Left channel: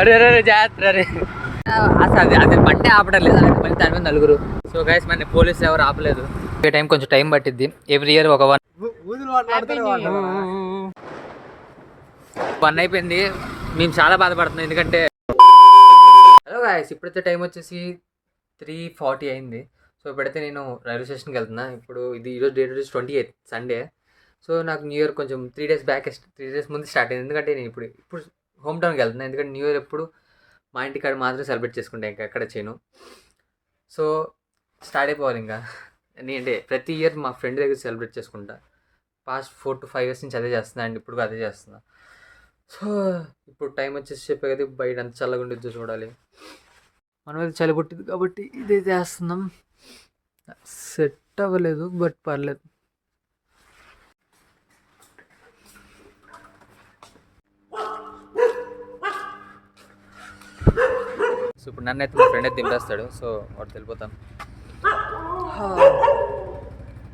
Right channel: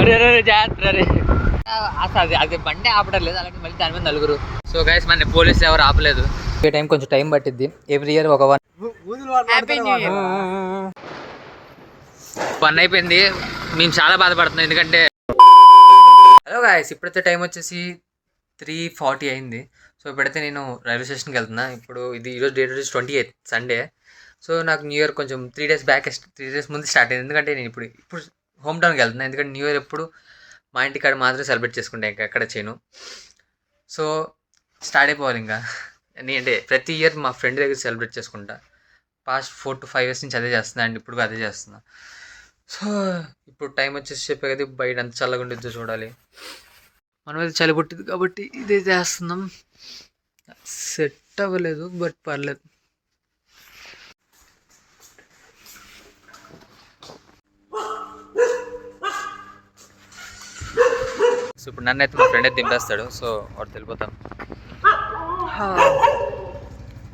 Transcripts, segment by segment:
అరే జాగ్రత్త రే. అసలు అది బండి ఆపడం లేదు, మళ్ళీ దాని మీద నలుగురు. సో గైస్ మన పోలీసులు ఎవరు ఆపలేదు. ఈ టైం కొంచెం టైం పట్టిద్ది. ఎవ్రీ ఇయర్ ఒక 1 అయిపోయింది. మేము చాలా బాధపడుతున్నాం ఎందుకంటే హలో గాయస్, ఇప్పుడైతే టైం వచ్చేసి 3:40 అయింది. సో ఇప్పుడైతే నేను రైల్వే స్టేషన్కి వెళ్తున్నా. ఇప్పుడు ఈరోజు డేట్ వచ్చేసి 28 సండే. సో నాకు న్యూ ఇయర్ కొంచెం 3 డేస్ ముందు స్టార్ట్ అయింది. ఎందుకంటే నేను ఇప్పుడు హోమ్ టౌన్కి వెళ్తున్నాను. ఎందుకంటే న్యూ ఇయర్ ఎప్పుడు మా ఇంటికాడ మాత్రమే సెలబ్రేట్ చేసుకుంటాను, ఇంకా ఎక్కడ చేయను. సో స్టార్ట్ అయిపోవాలి ఇంకా. అంటే ప్రతి ఇయర్ మా ఫ్రెండ్ దగ్గర సెలబ్రేట్ చేసుకుంటా. పాస్ట్ 4 to 5 years నుంచి అదే చేస్తున్నా అండ్ ఇప్పుడు అదే చేస్తున్నా. సో ఇప్పుడు టైం వచ్చేసి చెప్పే కదా, బయట అంత చల్లగా ఉండిద్దో చూడాలి. మనం అయితే చలి పుట్టింది కాబట్టి ఇదే చేస్తున్నాం. సెట్ అవ్వలేదు బట్ పర్లేదు. సో ఇప్పుడు నన్ను అయితే మా ఫ్రెండ్ అయితే దింపేస్తాడు. సో వాడు వెళ్ళిపోతాం.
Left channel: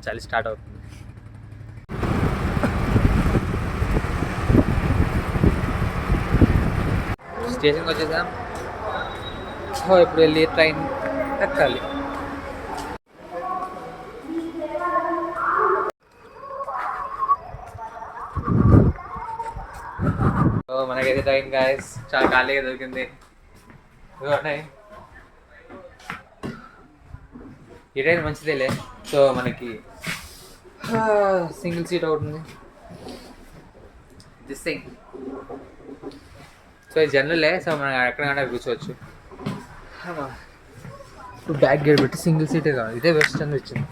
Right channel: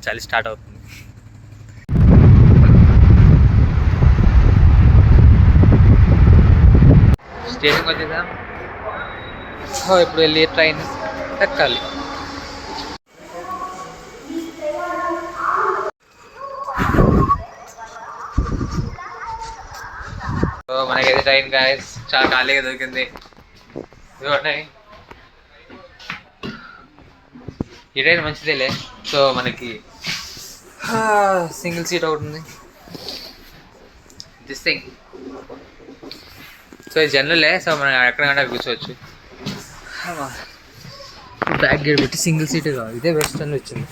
చలి స్టార్ట్ అవుతుంది. స్టేషన్కి వచ్చేసాం. ఇప్పుడు వెళ్ళి ట్రైన్ ఎక్కాలి. సో మనకైతే ట్రైన్ గాయస్ చాలా ఖాళీగా దొరికింది. ఈ ట్రైన్ మంచిదేలే. సో మనకి సింగిల్ సీట్ ఒకటి ఉంది. This thing. సో ఇది జనరలే. సో మనం ఎక్కడికైనా కూర్చోవచ్చు. బ్యాక్ గేట్ పెట్టి సింగిల్ సీటే కాదు, ఇదే బెస్ట్ అని వచ్చింది.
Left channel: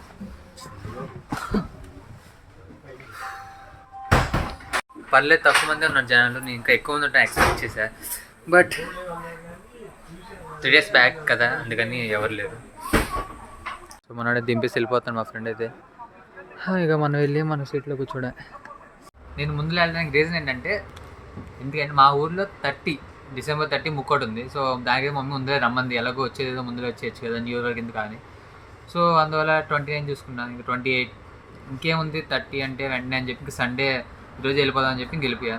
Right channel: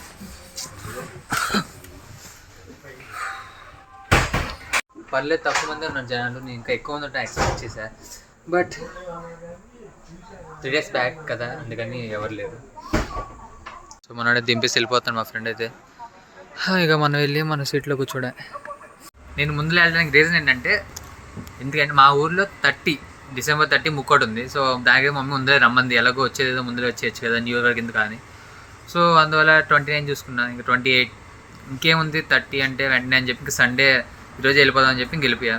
పర్లేదు, తక్కువ మంది ఉన్నారు జనాలు. నేను ఇంకా ఎక్కువ మంది ఉంటాను ఎక్స్పెక్ట్ చేశా. బట్ 3 days బ్యాక్ కదా, అందుకని ఎవరు లేరు. సో మనోడే దింపేసి వెళ్ళిపోతాను మా ఫ్రెండ్ అయితే. ఇక మనం వెళ్ళి మన సీట్లో కూర్చోడే. నేను ముందులో వెళ్ళడానికి రీజన్ ఏంటంటే, ఎందుకంటే మా ఊర్లో December 30 ముక్కోటి ఉంది. సో దానికి మమ్మీ ముందే రమ్మంది. ఎలాగో వచ్చేదేదో ముందులో వచ్చేయచ్చు కదా, న్యూ ఇయర్ వరకు ఎందుకు కానీ. సో అందువల్ల 29 చూసుకున్నాను. ఇంకా 28 ఇంకేముంది, 30 అంటే వెంటనే అని చెప్పి ఇంక సండే ఈరోజు వెళ్ళిపోదాం అని చెప్పి ఇంక వెళ్ళిపోయా.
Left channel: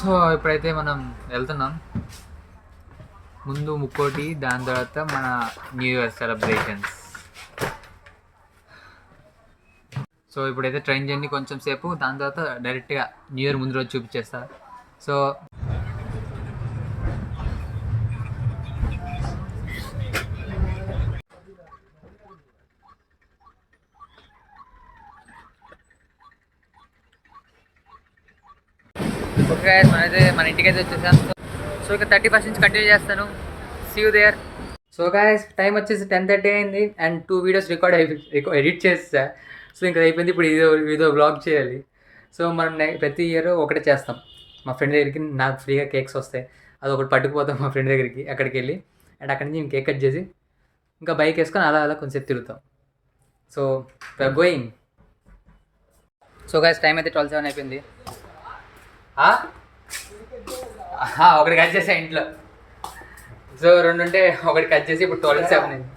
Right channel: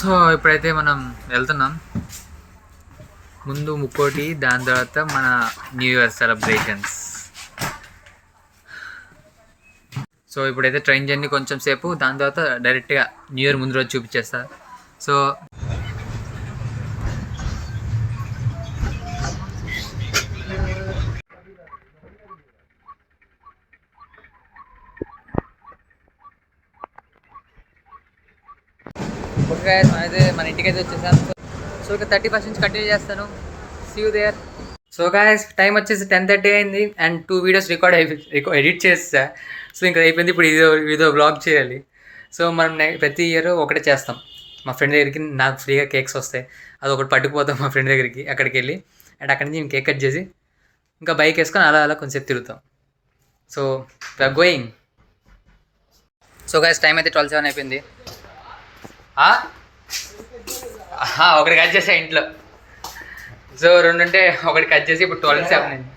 సో ఇప్పుడైతే మనం వెళ్తున్నాం. ముందు ముక్కోటి, దాని తర్వాత మన న్యూ ఇయర్ సెలబ్రేషన్స్. సో ఇప్పుడైతే ట్రైన్ జర్నీ కొంచెం సేపు, దాని తర్వాత డైరెక్ట్గా న్యూ ఇయర్ ముందు రోజు చూపించేస్తా. సో ఓకే మనైతే మన ఇంటికైతే వచ్చేసాం. సో ఇక 31st నుంచి కంటిన్యూ చేస్తాను. See you there. So guys time వచ్చేసి 10:30 అయింది అండ్ 2 videos ఎడిట్ చేస్తా. సో ఇంకా అయిపోయింది. ఇప్పుడు ఇదో వ్లాగ్ చేయాలి. సో మనం ప్రతి ఇయర్ ఒకటే చేస్తాం. మా ఫ్రెండ్ దగ్గరికి నాకు ఫ్రీగా కేక్స్ వస్తాయి, అది ఒకటి పట్టుకుపోతాం మా ఫ్రెండ్ దగ్గరికి. అక్కడికి వెళ్ళి అండ్ అక్కడి నుంచి మేము కేక్ కట్ చేసి ఇంకా బైక్ వేసుకొని అలా కొంచెం తిరుగుతాం. So we are going. So guys time అయితే 12:07 అయిపోయింది. ఒకటి కట్ చేసా ఇంట్లో. సో 2 ఉంటే ఒకటి కట్ చేసి ఇప్పుడు 12:07 అయింది.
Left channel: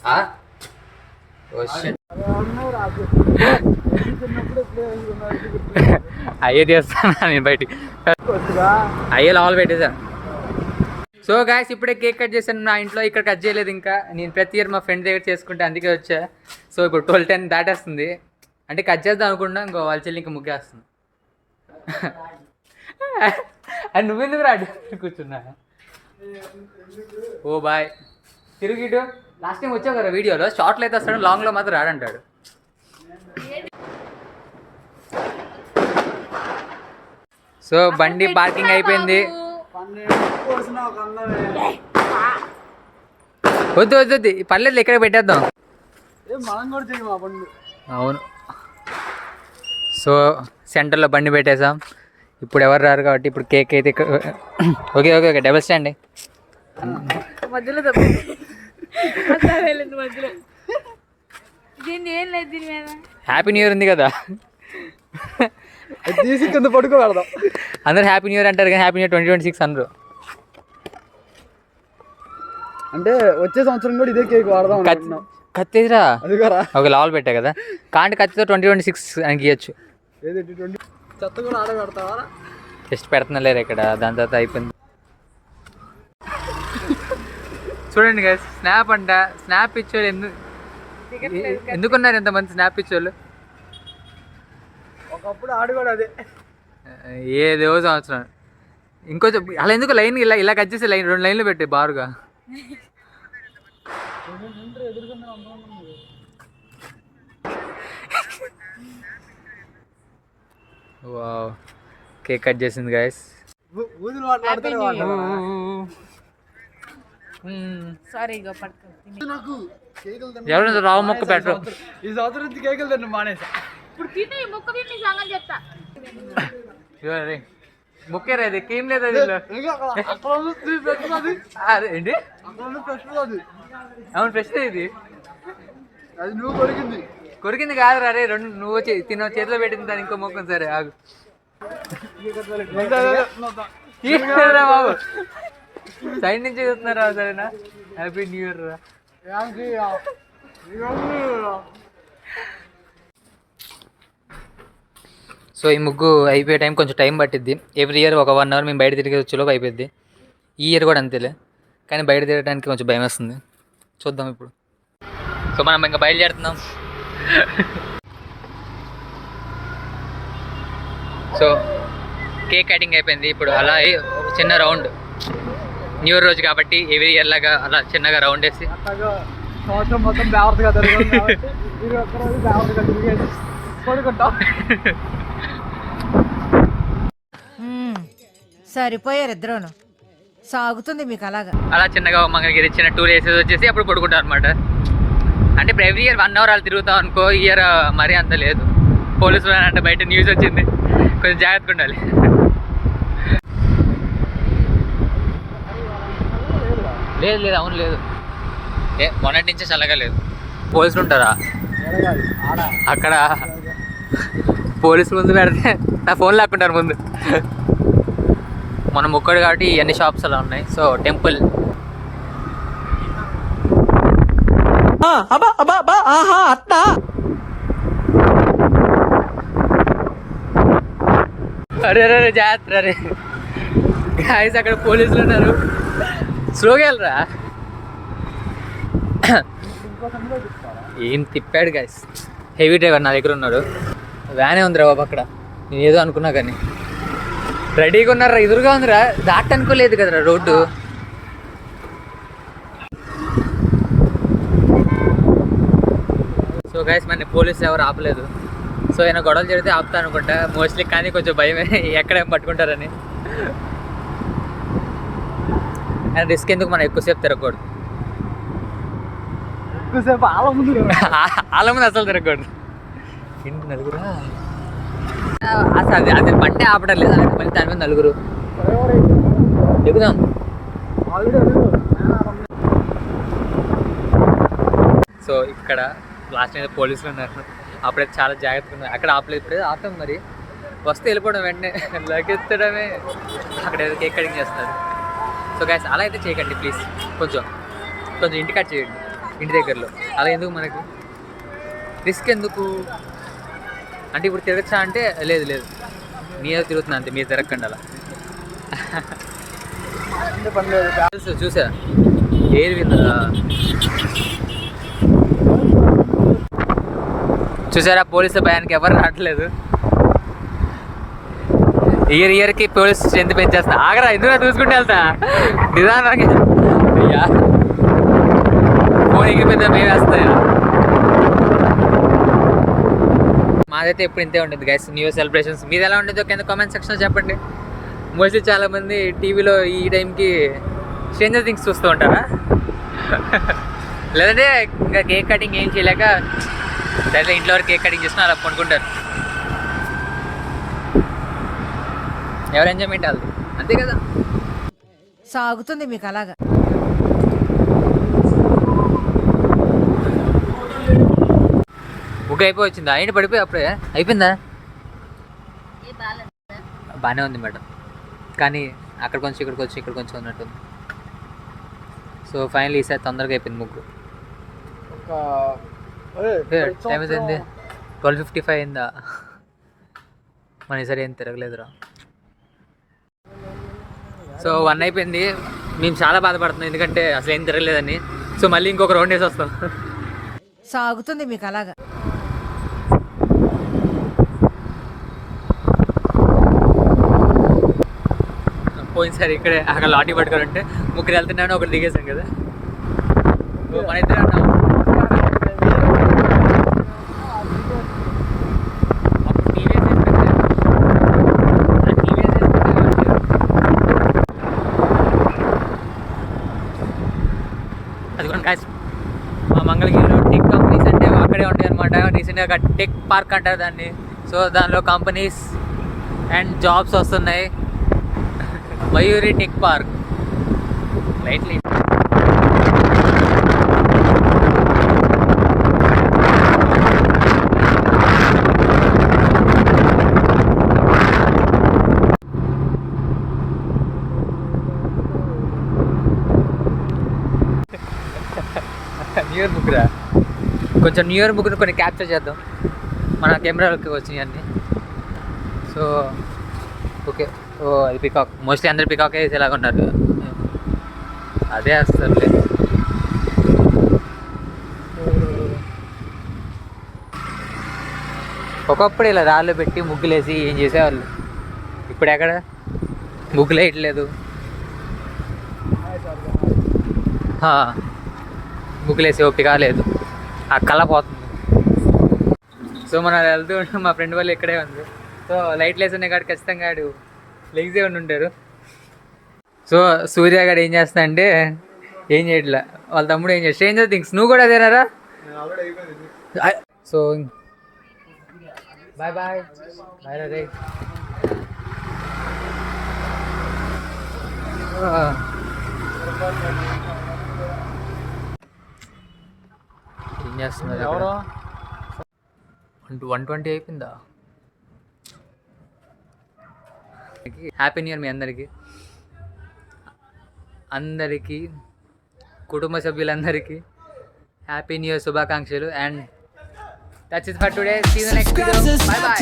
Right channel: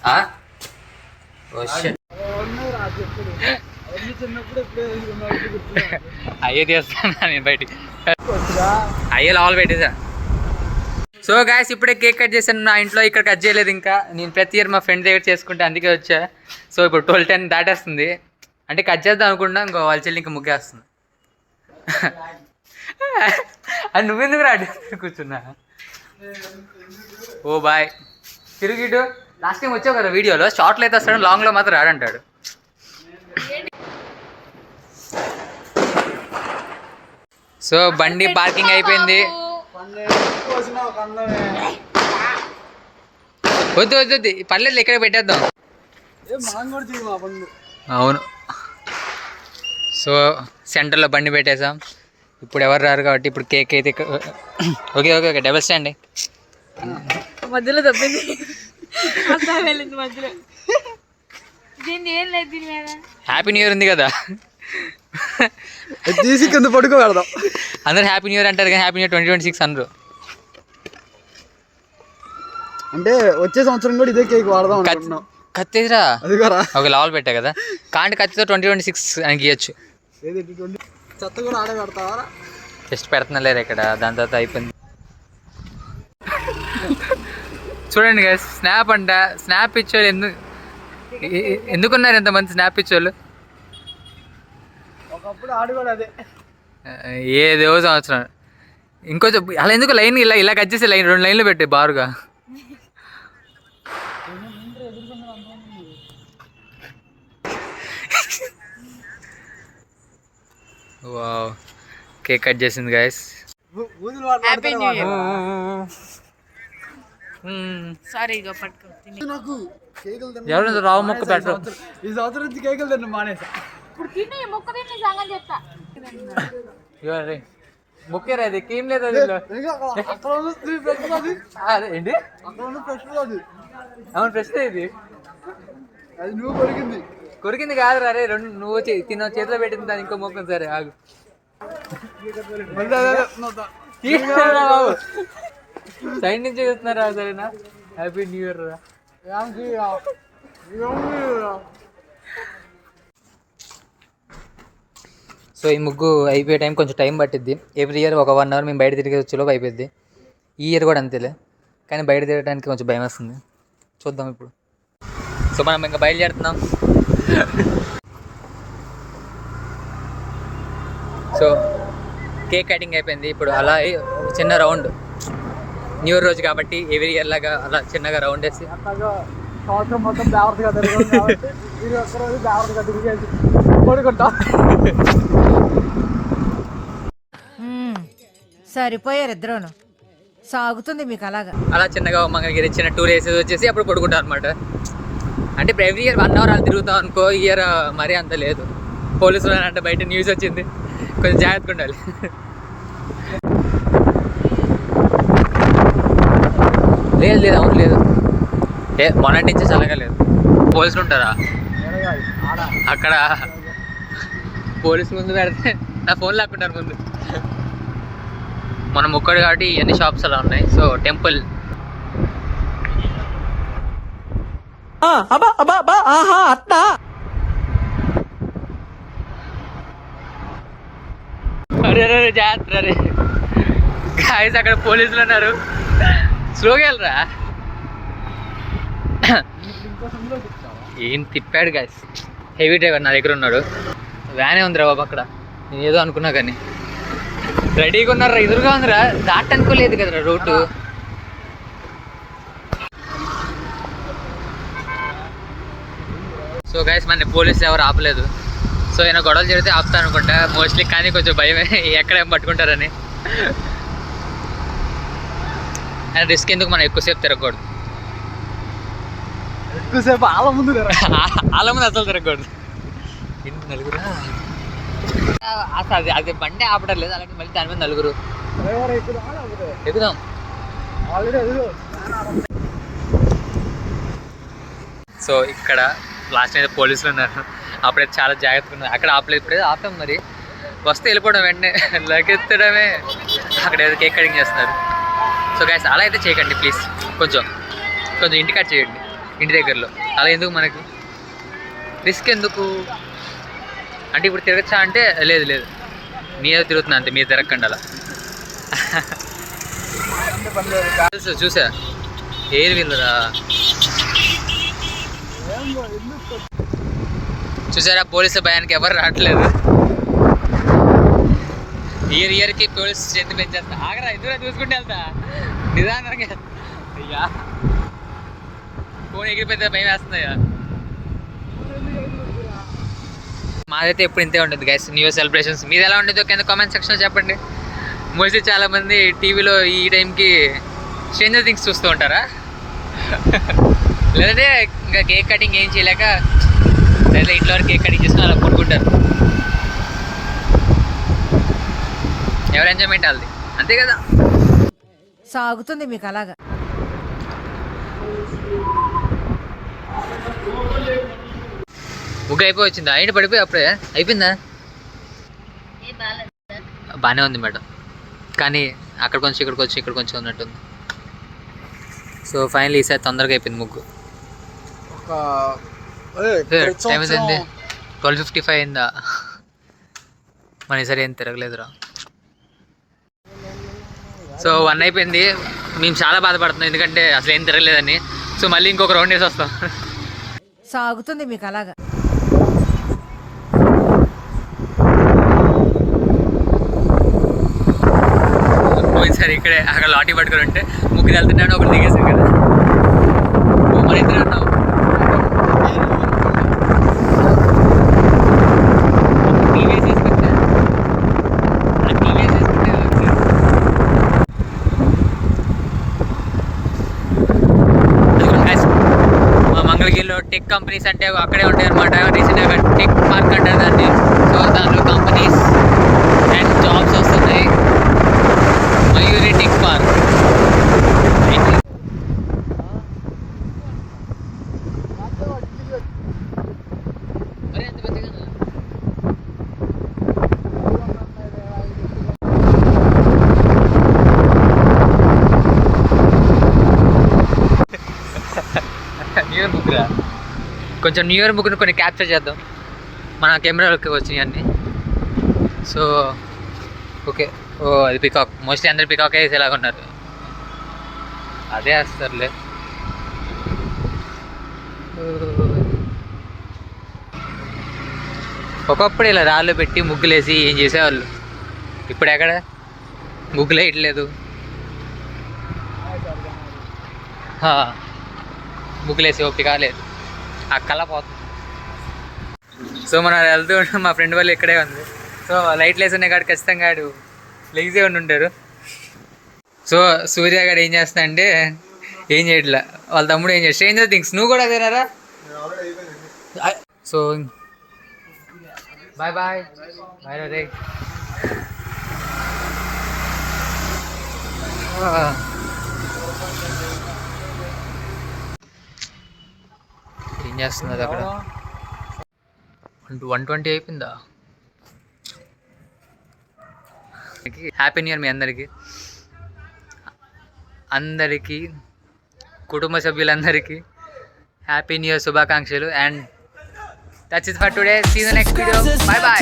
అయ్యే తీస్తాను నేను బయటికి. అయ్యే లోపల పెట్టేసా. సో గాయస్ ఇప్పుడే కేక్ కట్ చేశాను నా ఇంట్లో. ఇక్కడ కట్ చేయలేదు ఇంకా. నేను ప్రతి ఇయర్ మా ఫ్రెండ్ దగ్గర చేసుకుంటే అందుకే వచ్చా. సో ఇప్పుడు 12:10 దాటేస్తుంది. అంటే కట్ చేద్దాం అనుకుంటున్నా, ఇంకో వాళ్ళ చెల్లి ఇంకా ముగ్గేస్తుంది. అది నువ్వెందుకు రాడు కూర్చున్నా? ఓ బాయ్ తిరిగిడు. లాస్ట్ టైం వచ్చావు కదా వీడియోలో, షార్ట్లో అయితే వస్తాడు, లాంగ్లో మాత్రం రాడంటాడు. సో బండి పార్కింగ్ అయిపోయింది. వద్దు పర్లేదు, ఇక్కడ పెట్టేద్దాం. అవును. సో సెంటర్లో బండి పెట్టేసాం. ఇప్పుడు ఎవరు రారు కాబట్టి ఇప్పుడు కేక్ అయితే ఓకే డబుల్ స్టాండ్ మధ్యలో తప్పింది. హ్యాపీ న్యూ ఇయర్ ఉంది కదా, తీసి కింద పడుకోగలదాం. అందరు హ్యాపీ న్యూ ఇయర్ అంటారు కానీ హ్యాపీ న్యూ ఇయర్ 2026 అనరు. అంటే వచ్చే సంవత్సరం కూడా ఇదే కేక్ వాడదాం. కత్తేదిరా ఒక లావల్ పెట్టా కదా, కాంటి కత్తితో 2026 అని గీయచ్చు. చెత్త కూడా ఆడబెడతావా? టెస్ట్ పెడుతున్నా లేరు ఇక్కడ. దాని తర్వాత అయిపోయింది. చూడండి గైస్, స్నాప్ అంట. స్నాప్ ఇచ్చేవాళ్ళు ఎందుకున్నారు ఎంతమంది స్నాప్ ఇచ్చేవాళ్ళు? ఒకప్పుడు ఆడు కూడా అదే. ఏదో సంవత్సరం ఇంకొంచెం అలా ఎందుకు లైన్ ఇలా కట్ చేసి లైన్ 2 లైన్లు పెట్టే బారుగా. వావ్, కేక్ కట్ చేసింది guys. Happy new year. Sorry ఇక పట్టుకో. నాకు కేకులు ఎవరైనా రావు మొక్క పెట్టు. ఈ సంవత్సరం నుంచి కేకులు తిన్న మానేసా. ఇప్పుడు తిని ముక్క తిని సంగతి చెప్తా. ముక్కేరా ఇది ఏం లేదు. అక్కడ ఉంది అదే ఏంటి? అక్కడ ఉంది ఫ్రెష్ అది. అవును ఫ్రెష్ ఇది. అది నువ్వు కొరికింది. కొరికింది కాదు రే, నువ్వు తిన్న చేతిలో పెట్టింది దాని ఇంకో మొక్క. సరే ఆగు. బాబు సైడ్ నుంచి చూస్తున్నారా? సరేనా? హ్యాపీ న్యూ ఇయర్ రా. సో ఈ ముగ్గు అయిపోయే టైం కొంచెం టైం పట్టిద్ది. ఎవ్రీ ఇయర్ ఒక 1 అవర్ మేము బయట తిరిగి వచ్చేలోపు అయిపోద్ది. ఈ ఇయర్ కూడా అంతేలే, కానీ బయట తిరగడానికి కొంచెం భయం వస్తుంది. చూద్దాం ఇప్పుడు. సో మనం ఇంకా బయలుదేరుతున్నాం. సో కేక్ కటింగ్ అయిపోయింది. ఇప్పుడు అలా ఒక చిన్న రౌండ్, న్యూ ఇయర్ రోజు కాబట్టి ఎవ్రీ ఇయర్ లాగా అలా చిన్నగా రౌండ్ వేసి సంవత్సరం మొత్తం బ్యావర్స్గా తిరగదు కాబట్టి ఇది ఒక్కరోజు బ్యావర్స్గా తిరిగేది కొడుకుంటాం. సరిపోయారు ఇద్దరును. సాగుతుంది మీకు అలాగా. అలా చిన్నగా మంగళగిరి చిన్న టూర్ వేసేది వచ్చేసి అప్పుడు పడుకుంటాం అనమాట. అంటే ఇప్పుడు ఎవ్రీ ఇయర్ 1 అవర్ అలా తిరుగుతాం అనుకో. ఈ ఇయర్ మరీ అంత లేదు. పోలీసులు అంటే బయట న్యూస్ వచ్చింది, కొంచెం జాగ్రత్తగా ఉండాలి. లేదు అవును లేదు, మొన్నటి నుంచి చల్లగా లేదు. పోలీసులు ఉంటారా అక్కడ? పోలీసులు ముందు పెడితే నా ఫోన్ లేకుంటారు ముందు. మనం ఒక్కడు కాబట్టి అన్ని షాప్స్ అలా ఉన్నాయి. సో టెంపుల్ అరే జాగ్రత్త రే గాయస్, అక్కడ పోలీసులు ఉన్నారు. స్లోగా వెళ్ళరా. ఏం తిప్పాడు గాయస్, హెవీ డ్రైవర్ నా దగ్గర ఉన్నాడు. వ్యానే ఉందిరా బాబు అక్కడ. నేను ఏదో అనుకున్నా కానీ రెడీగా ఉన్నారా, ఎదురుగా ఉందిరా. దాట్ అనుకోలేదు కదరా రోడ్డు. సో గైస్ మన పోలీసులు ఎవరు ఆపలేదు. సో ఆయన గొడవలు జరిగితే ఆపుతా అనుకుంటా మోస్ట్లీ, కానీ కొంచెం భయమే ఎక్కడేం పట్టుకుంటారని. అండ్ రిస్క్ ఎందుకు, మనం ఎక్కువసేపు తిరగకూడదు. ఎక్కువసేపు ఆల ముందు అసలు తిరగకూడదు. ఎందుకు నలుగురా అసలు? అది బండి ఆపడం లేదు, అలాంటి మళ్ళీ దాని మీద నలుగురు ఎక్కుదాం. సో ఇక్కడ లాస్ట్ అయితే పోలీసులు ఉన్నారు. అప్పుడైతే చాలా జాగ్రత్తగా ఉన్నారు. అక్కడ ఆపలేదు, ఇప్పుడైతే ఆపాం. మరి వస్తే వెళ్ళిపోవడం వెంటనే లగెత్తడమే. అక్కడ ఏదో కేక్ కటింగ్ చేస్తున్నారు. సో గైస్ అలా అయితే చేయకండి ప్లీజ్. కొంచెం ఇంటి కట్ చేయండి, ఇంటి దగ్గరలో. అలా ఎందుకు మనకు రిస్క్ ఎందుకు? అంటే ఇప్పుడు తిరగచ్చా అంటే లేదు నేను తిరుగుతున్నా అంతే, మీరు తిరగకండి అలా. చూసా ఏది వీళ్ళరా, చూసారా పోలీసుల భయానికి ఎవరు రావట్లేదు. ఇయర్కి పోలీస్ స్ట్రెంత్ పెంచేస్తా. ఆగరా, ఎందుకు చూసుకుంటే వెళ్తా నిదానానికి. అయ్యా ఫోన్ ఎగిరిపోతే భయం వేస్తాయా? మాదైతే ఎప్పుడు ఇంతే ఉంటుంది గైస్, న్యూ ఇయర్ సెలబ్రేషన్స్. మీది ఎలా ఉండేదో కింద కామెంట్ సెక్షన్లో చెప్పండి. మోస్ట్లీ చాలామంది టీవీలో ఈ టైంకి స్ట్రేంజర్ థింగ్స్ చూస్తూ ఉంటారా? లేదంటే ఇంకా కేక్ కటింగ్ ఏం చేయలేక లేదా ఇంట్లో వరకు కేక్ కటింగ్ చేసినా అలా పడుకుంటారు. ఎవరు ఎంజాయ్మెంట్ వాళ్ళది, అంతే కదా. సాగుతుంది మీకు అలాగా. ముగ్గు అయిపోయి వచ్చిందా? ఏంటి పడిపోయి అప్పుడే అయిపోయిందా? బాగానే ఉంది మేడం, కానీ అక్కడ కొంచెం ఇక్కడ కొంచెం ఉన్నట్టుంది. సో ఫైనల్ ఈసారి తొందరగా అయిపోయింది ముగ్గు. టైం అయింది 12:55 అయిందా? మన ఈసారి ఏం తిరగలేదురా. సో 1 అయిపోయింది. మేము చాలా బాధపడుతున్నాం ఎందుకంటే అసలు ఏం తిరగలేదని. సో మళ్ళీ ఇంకొక రౌండ్ వేసి వస్తాం. సాగుతుంది మీకు అలాగా. పోయినసారి ఇక్కడే అక్కడ లాఠీ పట్టుకొని ఉంటే ముగ్గురు వెళ్తున్నాను, ఒకటి దిగేసాను కదా. ఓ మన ఇద్దరే ఉన్నాం. మా మంగళగిరిలో టెక్ కంపెనీస్ అంటే అక్కడే ఉంటాయి అనమాట. రీసెంట్గా టెక్ పార్క్ అంటారు దాన్ని. సో దానిలో కంపెనీస్ అండ్ జాబ్స్ వస్తున్నాయి. Mayuri tech park right. New year book రా, కొంచెం న్యూ ఇయర్ బుక్ని కొన్ని క్యాప్చర్ చేద్దాం. మన కెమెరాలోకి వచ్చినాయి అన్నీ. So okay. ఓ అది పికాక్, మోస్ట్లీ అందరు పికాక్ వేసేలాగా ఉన్నారు. అదే వేస్తారులే. ఒకప్పుడు ఇలా రాళ్ళు పెట్టి ముగ్గులేసి ఏం చేసేవాళ్ళు. ఇప్పుడు ఎక్కడ ముగ్గులు వేయట్లేదు, ముగ్గులేసి ఓపిక లేదు, ఆ కళ పోతుంది. సో మనం వెళ్తూ ఉంటాం. మా ఫ్రెండ్ వాళ్ళు ఇక్కడే ఉంది. సో లైట్లు వేసి ఉన్నాయి కాబట్టి ఖచ్చితంగా ఆడు లెగ్జే ఉండి ఉంటారు. సో సూర్య గారు ఏం చేస్తా అంటే ఏం చేయట్లే, వాళ్ళ తమ్ముడు ఏం చేస్తా స్ట్రేంజర్ థింగ్స్. నువ్వు కూడా అదేనారా? సో బాయ్ బాయ్ బాయ్ రే. ఏం చేస్తున్నది అక్కడ? 120 అయిపోయిందా? హ్యాపీ న్యూ ఇయర్ మీ అందరికీ కుటుంబ సభ్యులందరికీ హ్యాపీ న్యూ ఇయర్ శుభాకాంక్షలు. And that's it for today. See you next video. Bye by.